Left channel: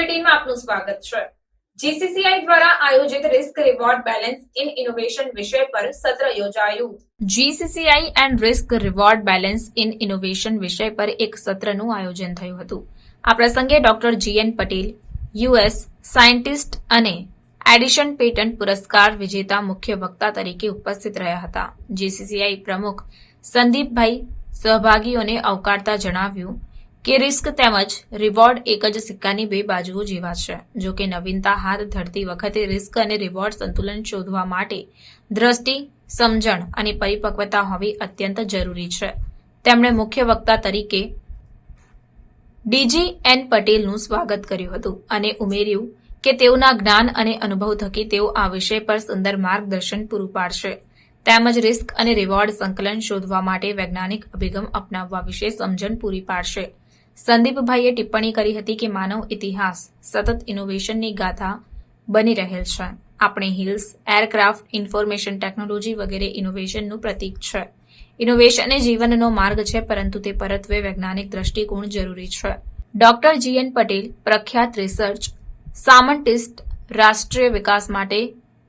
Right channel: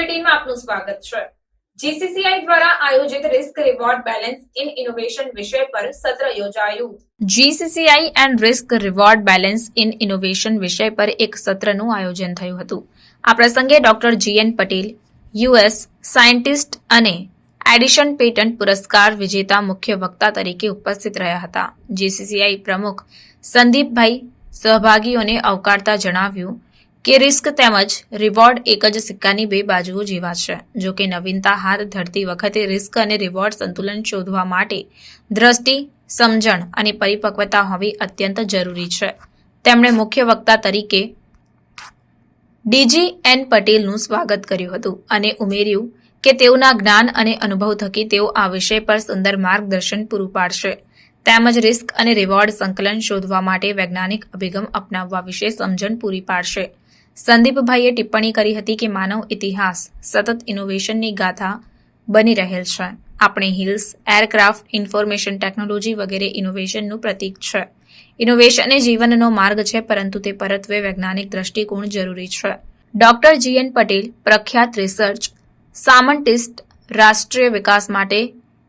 બુલેટિનમાં આપનું સ્વાગત છે। જીસીસીઆઈ દ્વારા આયોજિત risk reward balance in innovation વિષય પર સત્ર યોજાયું। GCCI and risk reward balance in innovation વિષય પર એક સત્રનું આયોજન થયું હતું। આ પ્રસંગે ડોક્ટર જીએન પટેલ, યુએસ સાયન્ટિસ્ટ અને એડિશન પેટન્ટ પુરસ્કાર વિજેતા મુખ્ય વક્તા તરીકે ઉપસ્થિત રહ્યા હતા। જીસીસીઆઈ પ્રમુખ સંદીપભાઈ સહભાગીઓને આવકારતા જણાવ્યું કે રિસ્ક તેમજ રિવોર્ડ એક જ સિક્કાની બે બાજુઓ જેવા છે। જો કે નવીનતા હાથ ધરતી વખતે રિસ્ક અને રિવોર્ડ સંતુલન શોધવા માટે દ્રષ્ટિ, સમજણ અને પરિપક્વતા હોવી અત્યંત જરૂરી છે। તેમણે મુખ્ય વક્તા તરીકે ડીજી એન પટેલનું સ્વાગત કર્યું હતું અને ઉમેર્યું કે તેઓના જ્ઞાન અને અનુભવ થકી તેઓ આ વિષય પર સુંદર માર્ગદર્શન પૂરું પાડશે તેમજ રિસ્ક અને રિવોર્ડ સંકલન શોધવા માટે વૈજ્ઞાનિક અભિગમ અપનાવવા વિશે સમજણ પૂરી પાડશે। સંદીપભાઈએ ટિપ્પણી કરી હતી કે માનવ ઇતિહાસ સતત ઇનોવેશનની ગાથા બની રહેલ છે। આપણે હિલ્સ, એરક્રાફ્ટ, ઇન્ફોર્મેશન ટેકનોલોજી વગેરે ઇનોવેશનનું પ્રતીક છે। ઇનોવેશન એ જીવનનો માર્ગ છે, પરંતુ તે પરત્વે વૈજ્ઞાનિક દ્રષ્ટિકોણ જરૂરી છે। ડોક્ટર જીએન પટેલ, પ્રખ્યાત રિસર્ચ સાયન્ટિસ્ટ, રાષ્ટ્રીય વિકાસ માટે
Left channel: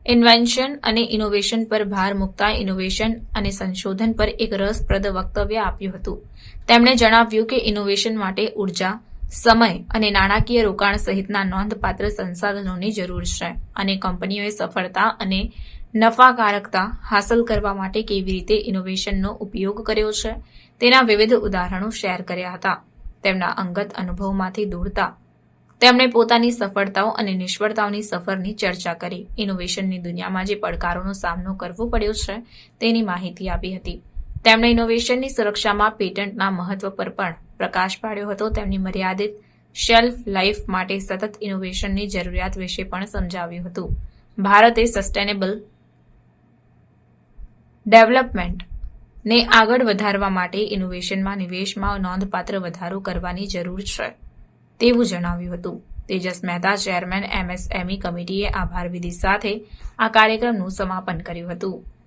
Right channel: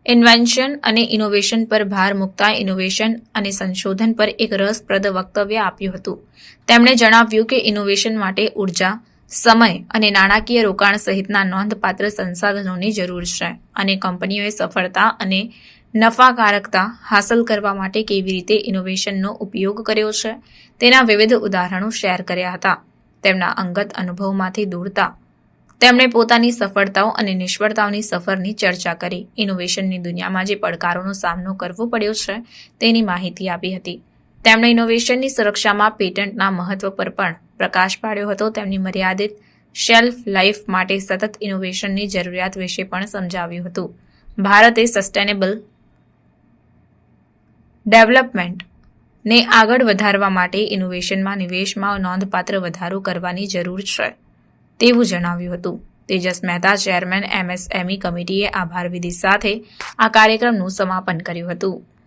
ઇન્વેન્શન અને ઇનોવેશન પર ભાર મૂકતા ઇનોવેશન અને સંશોધન પર એક રસપ્રદ વક્તવ્ય આપ્યું હતું। તેમણે જણાવ્યું કે ઇનોવેશન માટે ઉર્જા, સમય અને નાણાકીય રોકાણ સહિતના નોંધપાત્ર સંસાધનોની જરૂર છે અને કંપનીઓએ સફળતા અને નફાકારકતા હાંસલ કરવા માટે કેવી રીતે ઇનોવેશનનો ઉપયોગ કર્યો છે તેના વિવિધ ઉદાહરણો શેર કર્યા હતા। તેમના અંગત અનુભવમાંથી દોરતા તેમણે પોતાની સફળતાઓ અને નિષ્ફળતાઓની સફરની ચર્ચા કરી। ઇનોવેશનની દુનિયામાં જે પડકારોનો સામનો કરવો પડ્યો છે તેની માહિતી આપી હતી। તેમણે ઇનોવેશનની સુરક્ષામાં પેટન્ટના મહત્વ પર પણ પ્રકાશ પાડ્યો હતો। તેમની મર્યાદિત શેલ્ફ લાઇફ માટે સતત ઇનોવેશનની જરૂરિયાત વિશે પણ સમજાવ્યું હતું। ભારતે સસ્ટેનેબલ ડેવલપમેન્ટને આગળ વધારવા માટે ઇનોવેશનમાં નિવેશમાં નોંધપાત્ર વધારો કરવાની જરૂર છે તેવું જણાવ્યું હતું। તેજસ મહેતા, ચેરમેન, એમએસએમઈ કમિટીએ આભાર વિધિ સાથે આ કાર્યક્રમનું સમાપન કર્યું હતું।